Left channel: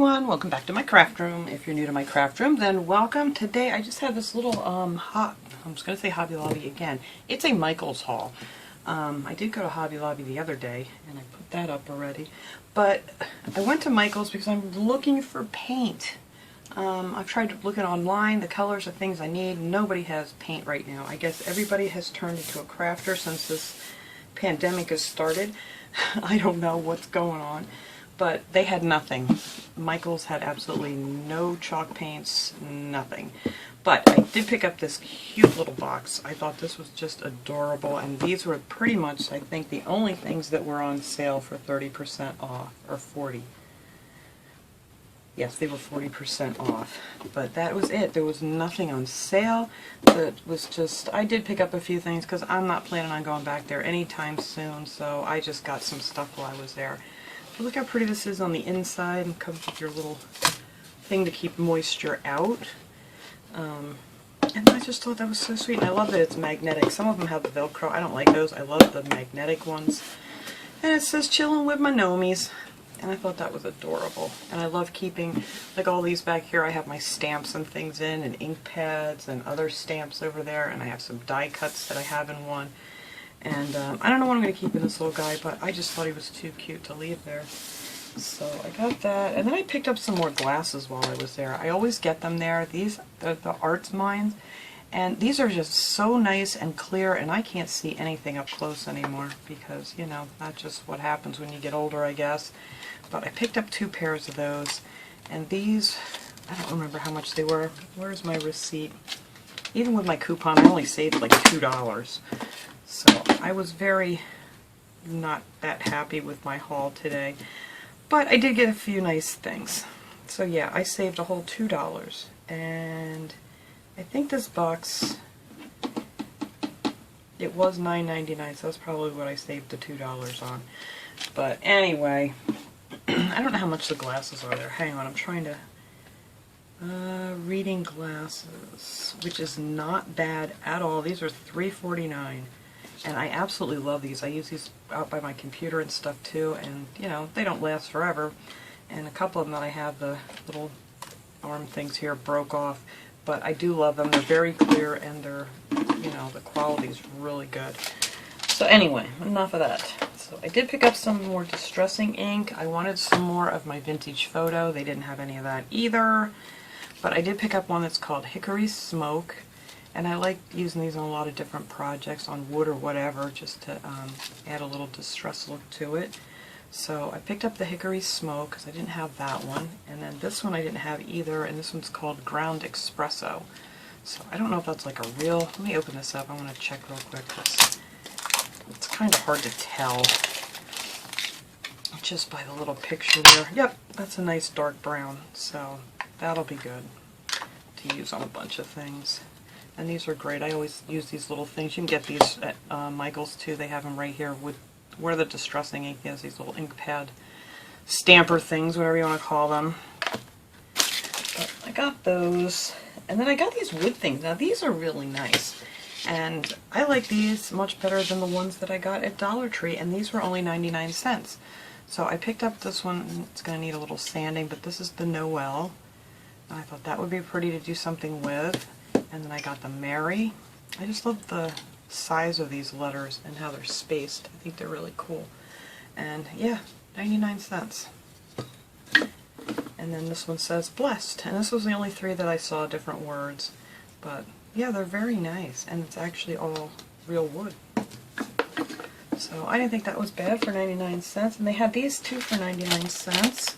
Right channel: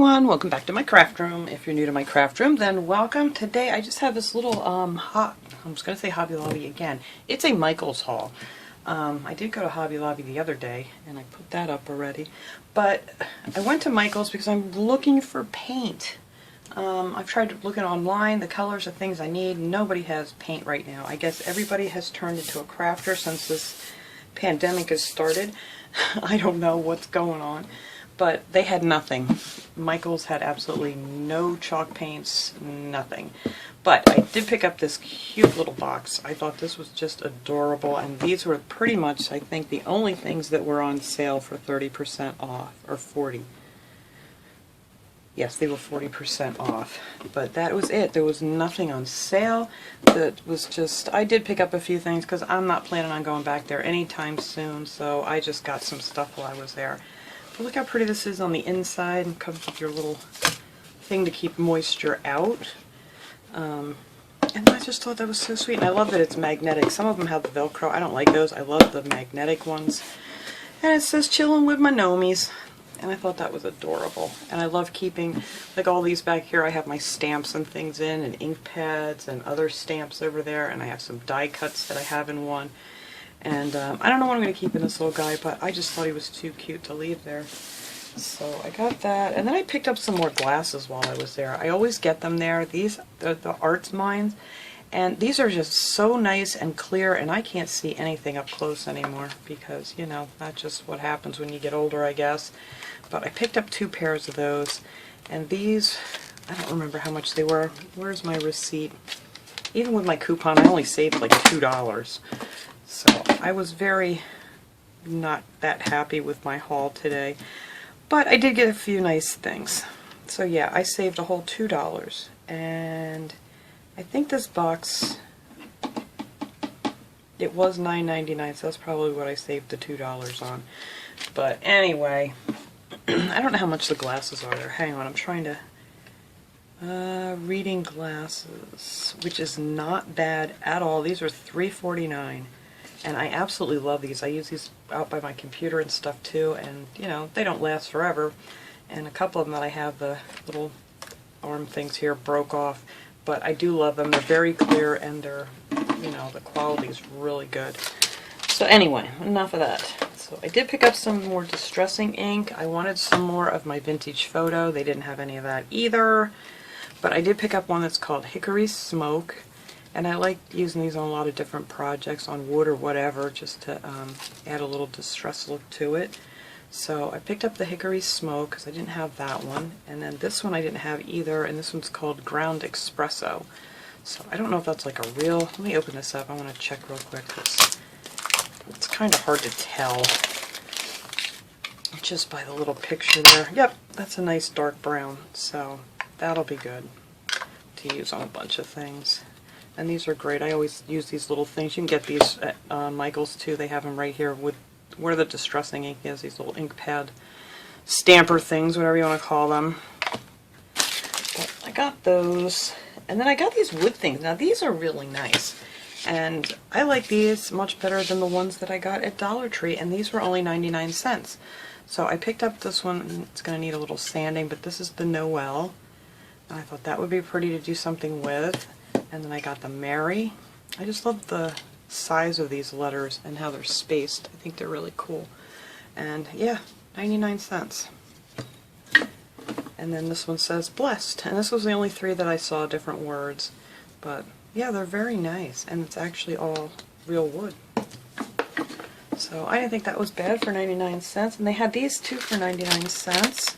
everyone, welcome back to my craft room. If you're new to my craft room, then welcome. Today I just have this little I'm just going to say Hobby Lobby again. It's a Michaels haul. I did go to Hobby Lobby the other day and I put that up already, but I went to Michaels because I'm looking for paint. I've tried looking online, the colors of things I need. Nobody has paint right now. I guess everybody has turned into a crafter since this pandemic has started. I don't know what's going on. But they had nothing. Michaels had absolutely no chalk paints, nothing. But I did pick up this cute little box. I thought this was just adorable, and these were pretty much, I think, the only things that were on sale for 30% off, or 40. Yes, they were 40% off. But that was it. There was nothing on sale. That was just, I did pick up a few things because I'm not planning on going back there anytime soon, so I just got some stuff while I was there. Look how pretty this is on the inside, and comes with your little thing to keep moisture out. And I just thought that was so sweet, and I love that it's magnetic. Some of them have the Velcro. I don't like those. I love the magnetic ones. And it says chillin' with my nomies, and I thought that was adorable. And I love keeping, like all these back here, I have my stamps and things in, and ink pads and other stamps over there, and I have some die cuts that I have in one. And I don't know what I'm going to keep in this little guy, but I just thought he was too cute to leave there. So I got that. And then I picked up some more glasses while I was there. I always get them there. These are the Arts Mines. And these are just so nice and clear, and I can't see anything up close anymore because, you know, that's just what happens when you get older, I guess. But I picked up 2 pairs of those. And these, I don't remember how much they were. Where's my receipt? Even with my coupon, I only saved like $2. So I was very not that happy with my haul today, but I did get a few nice things. So yeah, I saved a whole $2, and I think this box, it was $9.99, so that's probably what I saved the $2 on. But anyway, I don't know how much the glasses are there. Hang on, I'm trying to... reading glasses, which is not bad at all. These are $3.49. And I absolutely love these. I use these out by my computer and stuff too, and you know, they don't last forever. And a couple of them that I have, the little arm things here broke off, but I do love them. They're very clear, and they're, you know, the quality is really good. So anyway, enough of that. So I did pick up some more distressing ink. I wanted some more of my vintage photo. They didn't have any of that either. But I did pick up one that's called Hickory Smoke. And I like using these on a lot of different projects, on wood or whatever, just to add a little distress look to it. So I picked up the Hickory Smoke because I didn't have that one. And then this one I didn't have either, and this one's called Ground Espresso. So I don't know if that's like a real... Let me open this up. I want to check real quick. It's kind of hard to tell just by the little picture there. Yep, that's a nice dark brown. So that'll be good to use on a bunch of things. And these are great. I always use these little things. You can get these at Michaels too. They have them right here with where the distressing ink is. These little ink pad stamper things, whatever you want to call them. But I got those. And then I got these wood things. Now these are really nice. And I like these much better than the ones that I got at Dollar Tree. And these were only 99 cents. So I picked up this one. It's going to need a little sanding, but this is the Noel. And I thought that would be pretty to do something with. And then I got the Mary. I just love the size of these letters and how they're spaced. I think they're really cool. And yeah, 99 cents. And then this one says Blessed. And this was the only 3 that I saw different words. But yeah, they're very nice. And it's actually all real wood. So I didn't think that was bad for 99 cents. And they had these too for 99 cents.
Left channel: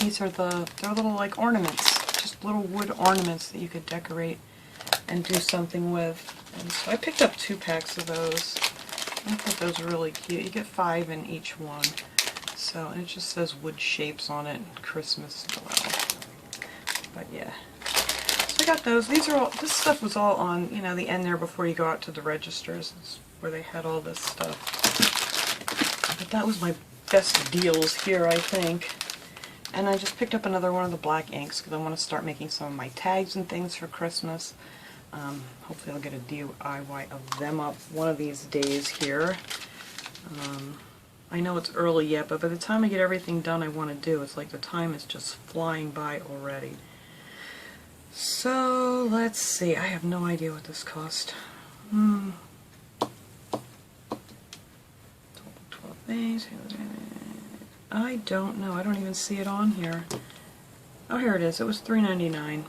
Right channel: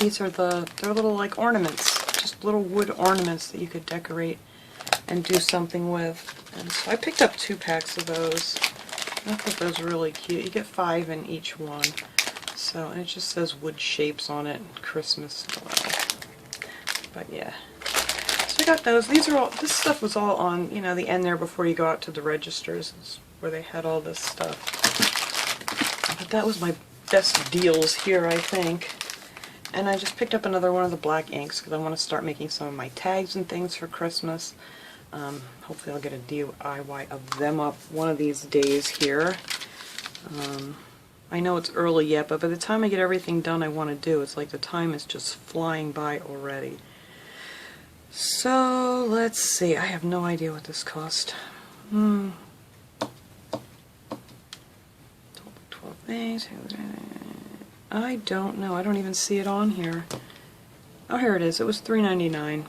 These are they're little like ornaments. Just little wood ornaments that you could decorate and do something with. And so I picked up 2 packs of those. I thought those were really cute. You get 5 in each one. So, and it just says wood shapes on it, Christmas style. But yeah. So I got those. These are all, this stuff was all on, you know, the end there before you go out to the registers. It's where they had all this stuff. But that was my best deals here, I think. And I just picked up another one of the black inks because I want to start making some of my tags and things for Christmas. Hopefully I'll get a DIY of them up one of these days here. I know it's early yet, but by the time I get everything done I want to do, it's like the time is just flying by already. So, let's see. I have no idea what this cost. 12 things. I don't know. I don't even see it on here. Oh, here it is. It was $3.99.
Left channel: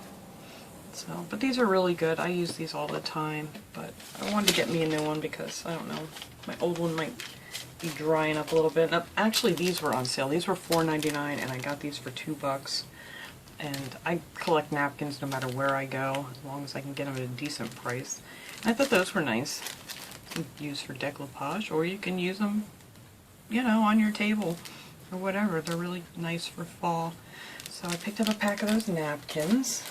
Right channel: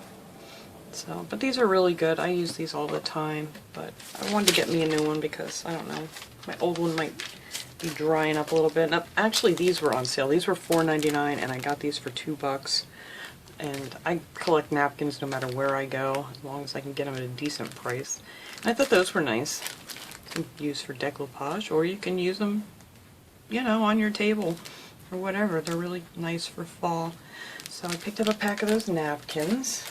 So, but these are really good. I use these all the time, but I wanted to get me a new one because, I don't know, my old one might be drying up a little bit. Now, actually, these were on sale. These were $4.99, and I got these for $2. And I collect napkins no matter where I go, as long as I can get them at a decent price. And I thought those were nice. You can use for decoupage, or you can use them, you know, on your table, or whatever. They're really nice for fall. So I picked up a pack of those napkins.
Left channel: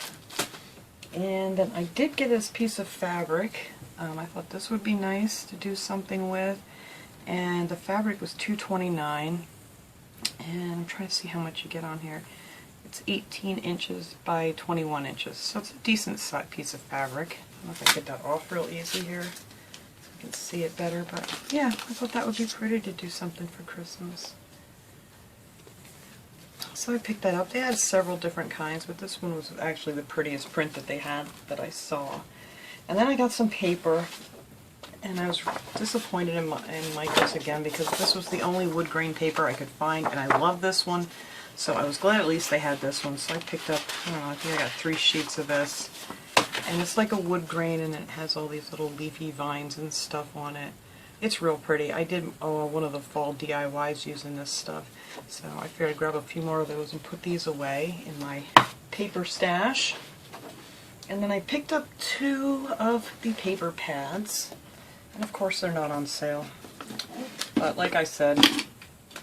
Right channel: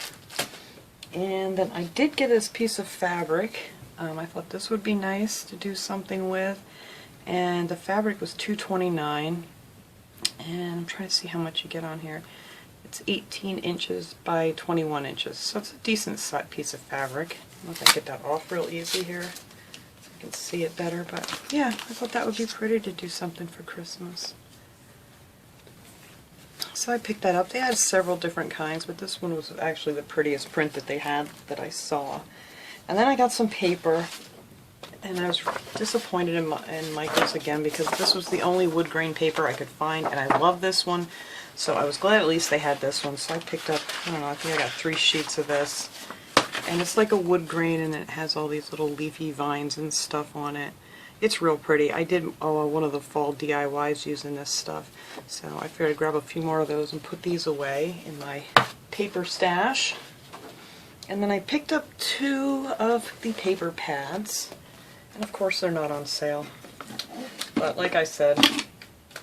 And then I did get this piece of fabric. I thought this would be nice to do something with. And the fabric was $2.29. And I'm trying to see how much you get on here. It's 18 inches by 21 inches. So it's a decent piece of fabric. I don't know if I can get that off real easy here so I can see it better. But yeah, I thought that would be pretty to do something for Christmas. So I picked that up. They had several different kinds, but this one was actually the prettiest print that they had that I saw. And then I got some paper, and I was disappointed in Michael's again because this was the only wood grain paper I could find, and I love this one. So I was glad at least they had this one. So I picked up, I don't know, I think I got 3 sheets of this. And it's like a wood grain, and it has all these little leafy vines and stuff on it. It's real pretty. I did one of the fall DIYs using this stuff. So I figured I'd grab a few more of those and put these away in my paper stash. And then I picked up 2 of the paper pads. And of course they're not on sale. But like I said,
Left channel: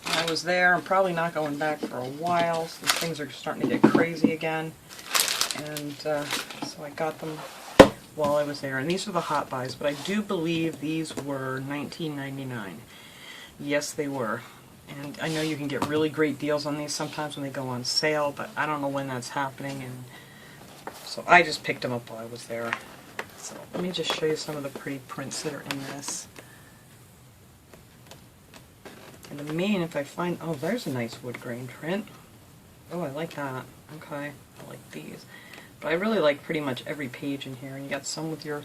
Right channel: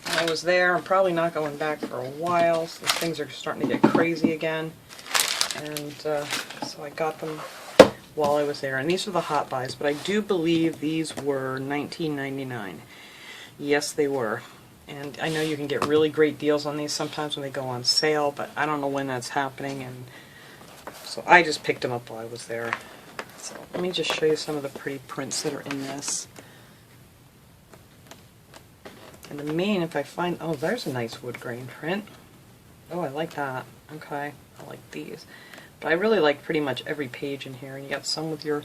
I was there. I'm probably not going back for a while since things are starting to get crazy again. And so I got them while I was there. And these are the hot buys, but I do believe these were $19.99. Yes, they were. And I know you can get really great deals on these sometimes when they go on sale, but I don't know when that's happening, and so I just picked them up while I was there. So let me just show you some of the pretty prints that are in this. And the main, if I find, oh, there's a nice wood grain print. Oh, I like that. Okay, I like these. But I really like pretty much every page in here. And you got some with your,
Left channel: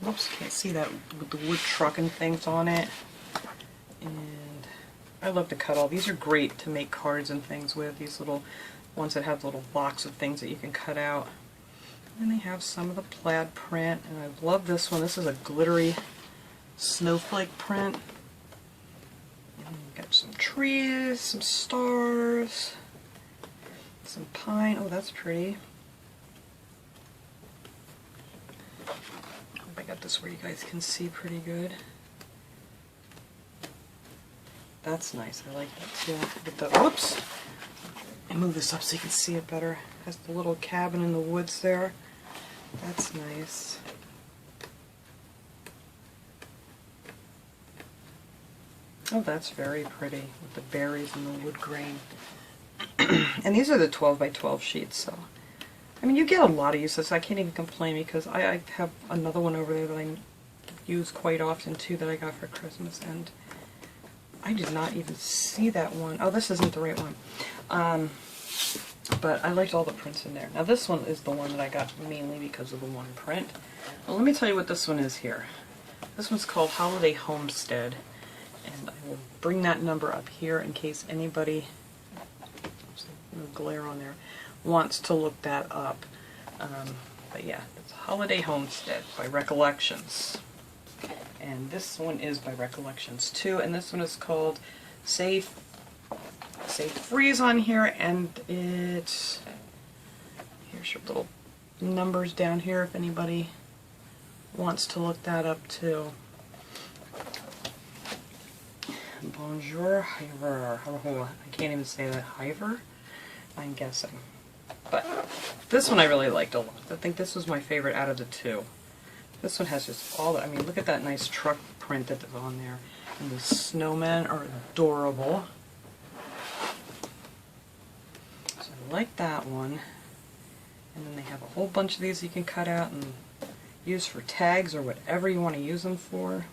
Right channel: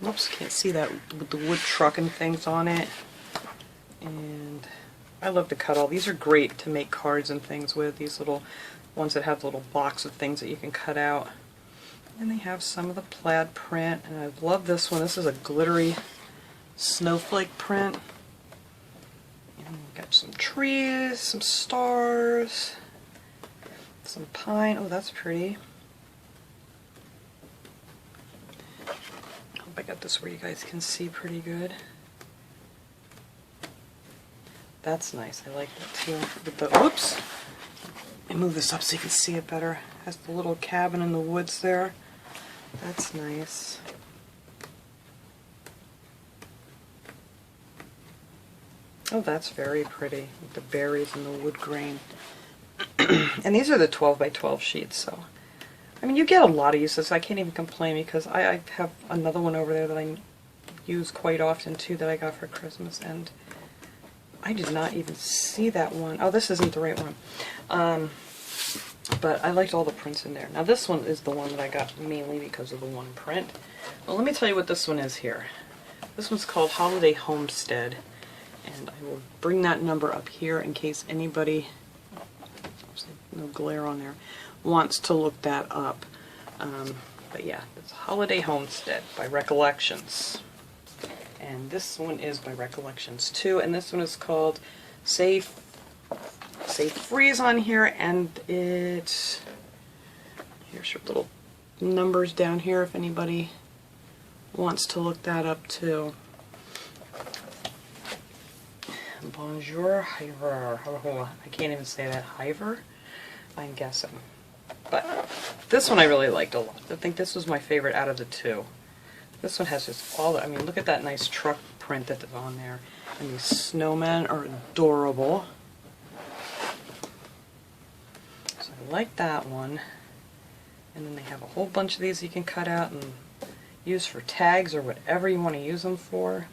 whoops, can't see that, with the wood truck and things on it. And I love to cut all. These are great to make cards and things with, these little ones that have little blocks of things that you can cut out. And they have some of the plaid print, and I love this one. This is a glittery snowflake print. And got some trees, some stars, some pine. Oh, that's pretty. Hope I got this where you guys can see pretty good. That's nice. I like that too. With the, oops! I move this up so you can see it better. Has the little cabin in the woods there. That's nice. Oh, that's very pretty with the berries and the wood grain. And these are the 12 by 12 sheets, so I mean you get a lot of uses. I can't even complain because I have another one over there that I use quite often too that I got for Christmas, and I did not even see that one. Oh, this isn't the right one. But I liked all the prints in there. Now this one is the one that I got mainly because of the one print. Well, let me tell you what this one is here. This one's called Holiday Homestead. And I will bring that number up here in case anybody, no glare on there, wants to look that up. But yeah, it's Holiday Homestead by Recollections. And this one is by Recollections too, and this one is called Safe Freeze on here, and it's, here's your little numbers down here if anybody wants to look that up too. Bonjour, Hiver. I can't even say that. Hiver? I'm guessing. But this one I really liked a lot. I think this was my favorite out of the 2. This one has just all the, I mean, look at that nice truck print that's on there. And the snowmen are adorable. So I like that one. And then they have a whole bunch of these you can cut out and use for tags or whatever you want to use them for.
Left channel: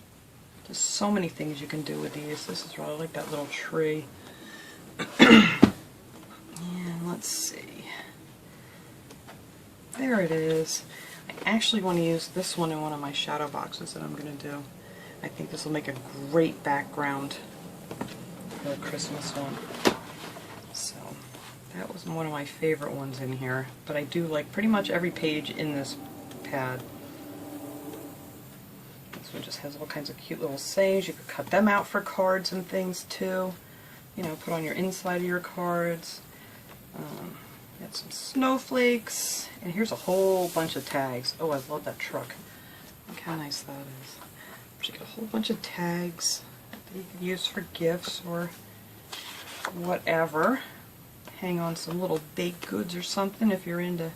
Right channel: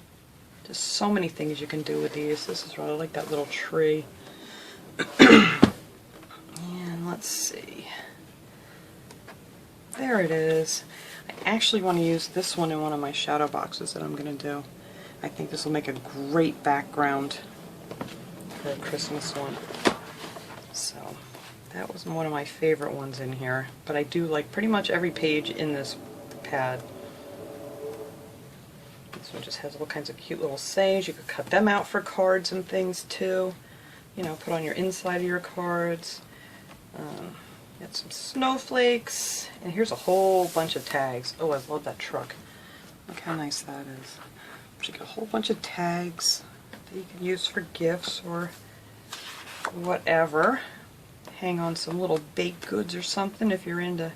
Just so many things you can do with these. This is really like that little tree. And let's see. There it is. I actually want to use this one in one of my shadow boxes that I'm going to do. I think this will make a great background for a Christmas one. So that was one of my favorite ones in here. But I do like pretty much every page in this pad. This one just has all kinds of cute little sayings. You could cut them out for cards and things too. You know, put on your inside of your cards. Got some snowflakes, and here's a whole bunch of tags. Oh, I love that truck. Look how nice that is. You got a whole bunch of tags that you can use for gifts or whatever. Hang on some little baked goods or something if you're into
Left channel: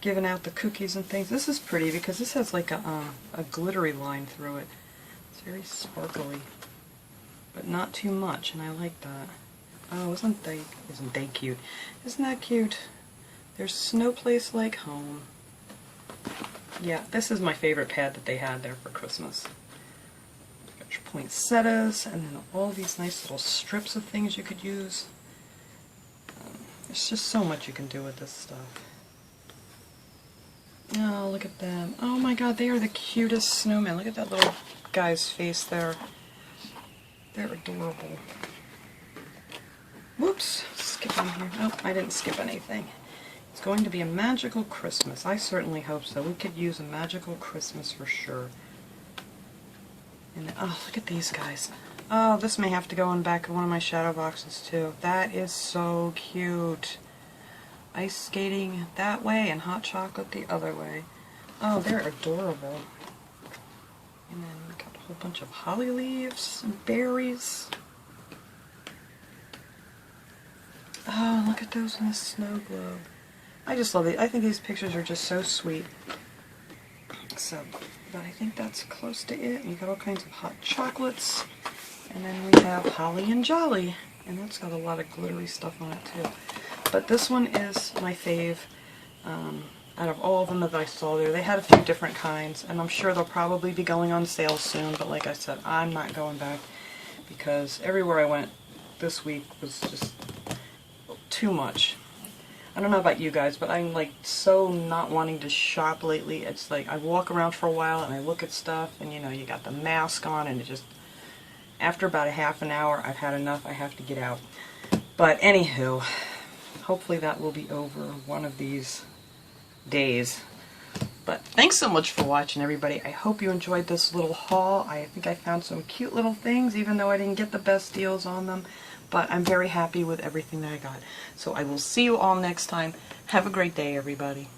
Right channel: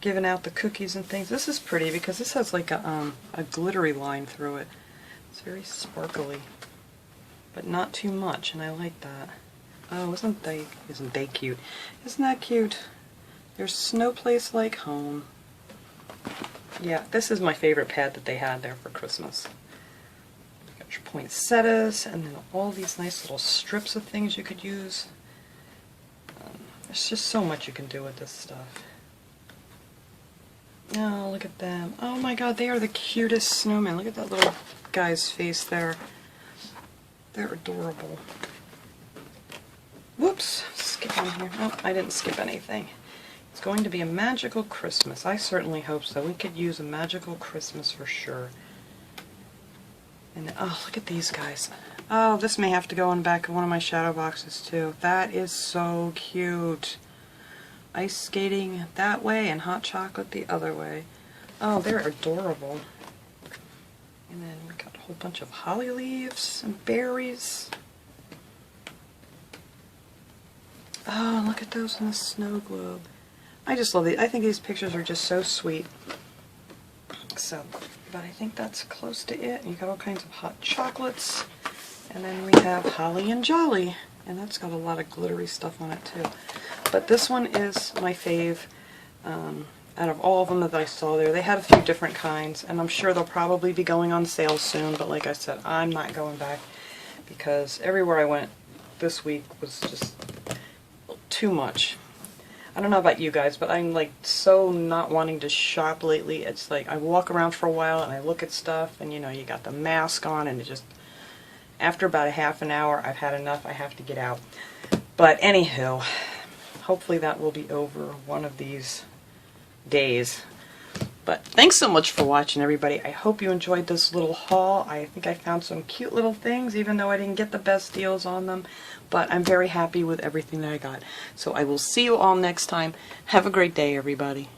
giving out the cookies and things. This is pretty because this has like a glittery line through it. It's very sparkly, but not too much, and I like that. Oh, isn't they cute? Isn't that cute? There's no place like home. Yeah, this is my favorite pad that they had there for Christmas. Got your poinsettias, and then all these nice little strips of things you could use. There's just so much you can do with this stuff. Oh, look at them. Oh my god, they are the cutest snowmen. Look at that little guy's face there. They're adorable. Whoops, skipping here. Oh, I didn't skip anything. It's going to be a magical Christmas. I certainly hope so. We could use a magical Christmas for sure. And oh, look at these guys. Oh, this may have to go in back of one of my shadow boxes too. That is so cute. Ice skating that way and hot chocolate the other way. Oh, they're adorable. And then we got a whole bunch of holly leaves and berries. Oh, look at those in the snow globe. I just love it. I think these pictures are just so sweet. So, but I think that's close to it. You got all kinds of hot chocolates. And then we have Holly and Jolly. And that's got a lot of glittery stuff on it too. But this one is my fave. Out of all of them that I saw there, they had a few different kinds. And I'm sure they'll probably be going on sale soon. But like I said, I'm not going back. Because everywhere I went this week was just too much. I don't know about you guys, but I'm like so not wanting to shop lately. It's like I walk around for a while and I look at stuff and you know, you got the mask on and it just, after about a half an hour, I've had enough. I have to get out. But anywho, hopefully that will be over one of these days. But thanks so much for watching, everybody. I hope you enjoyed this little haul. I think I found some cute little things, even though I didn't get the best deals on them. But I'm very happy with everything that I got. So I will see you all next time. Have a great day, everybody.